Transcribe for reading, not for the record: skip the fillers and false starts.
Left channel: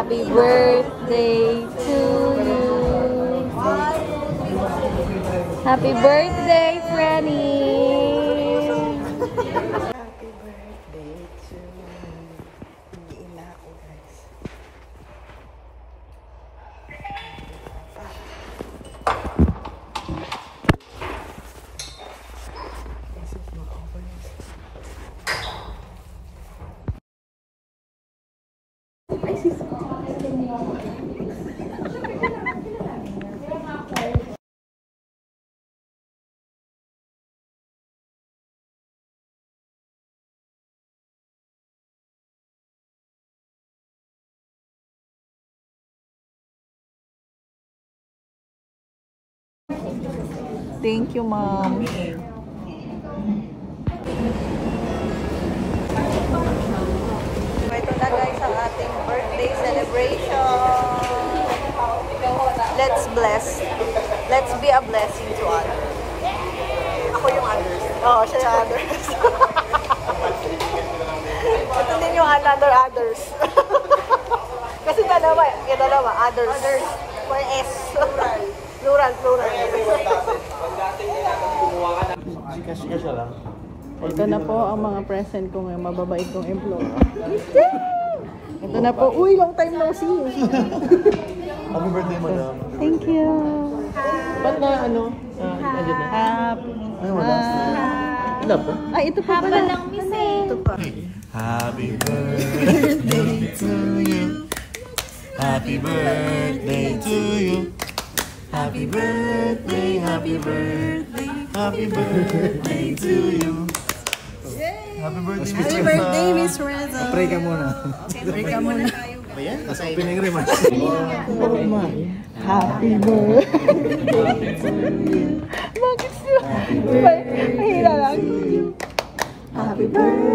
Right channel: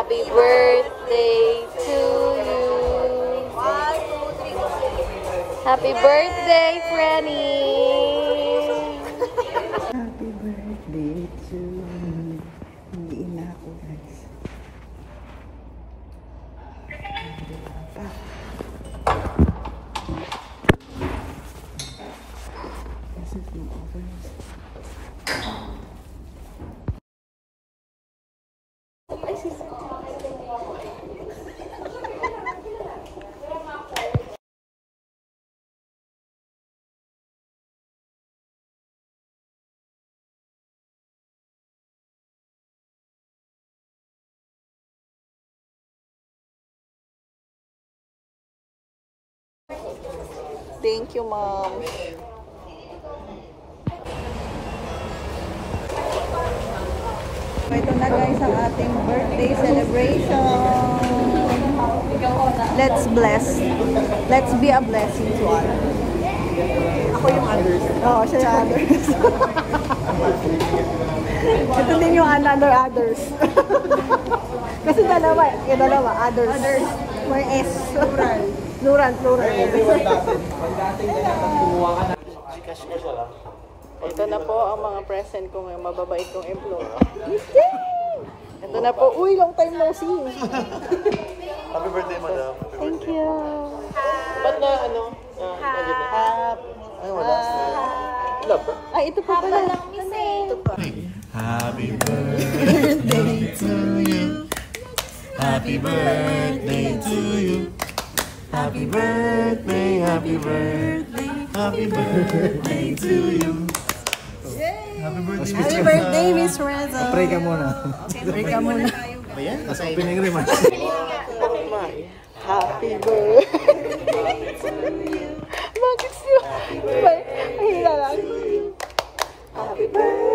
Happy birthday to you. 1, 2, 3. Happy birthday, Freddy. Happy birthday to you. Hindi na ako, guys. This is not over. Thank you, Mom. Ito na guys ang ating birthday celebration. Let's bless. Let's be a blessing to others. Ako yung others. Oo, siya yung others. Ito din yung another others. Kasi dalawa, yung dalawa, others. Others. May S. Plural. Plural. Ito na po ang mga present ko ng mababait kong employee. Ito na po. Uy, long time na kasi. Happy birthday, madam. Thank you. Ba't na ano? Ay, ito pa Haba lang, Miss. Ito pa. Happy birthday to you. Happy birthday to you. Happy birthday, happy birthday, happy birthday to you. Happy birthday, Happy birthday, Miss Reza. Pray ka muna. Okay, pray ka muna. Ayan, nasa opening remarks. Happy birthday. Bakit siya? Mahila lang. Happy birthday.